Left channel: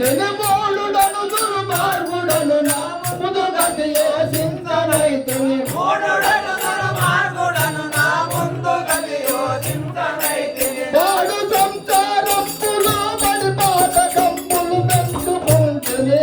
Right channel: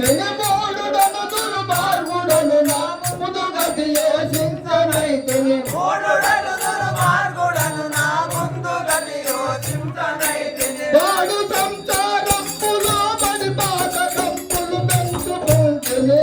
తినిమోడుడను దుర్మార్గుడను నా ముందు గతియే చింతనై తినిమోడుడను దుర్మార్గుడను నా ముందు గతియో చింతనై తిని సంసారం పులో పడిపాత కంపులు పెంచుకుంటునే.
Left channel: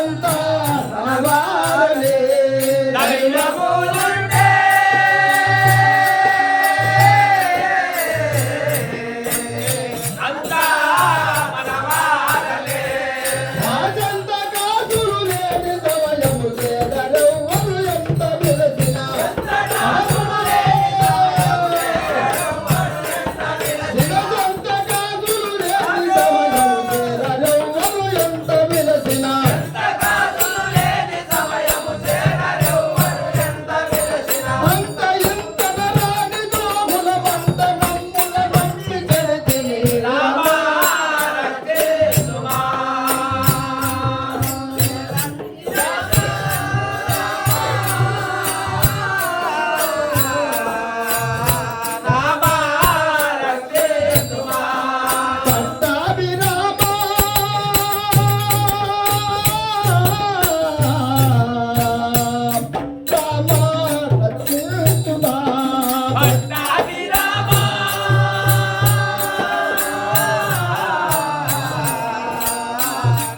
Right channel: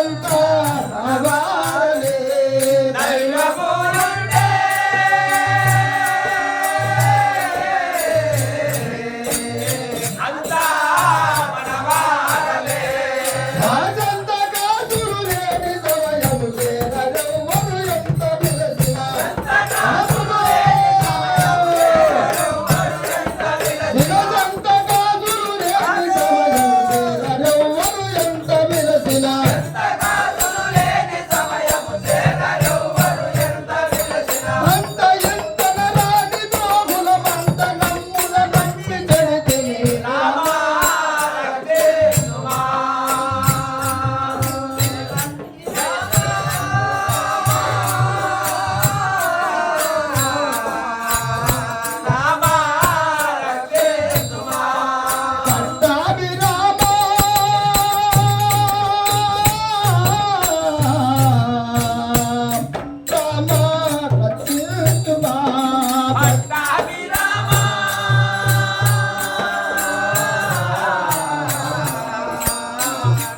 啊。Bye.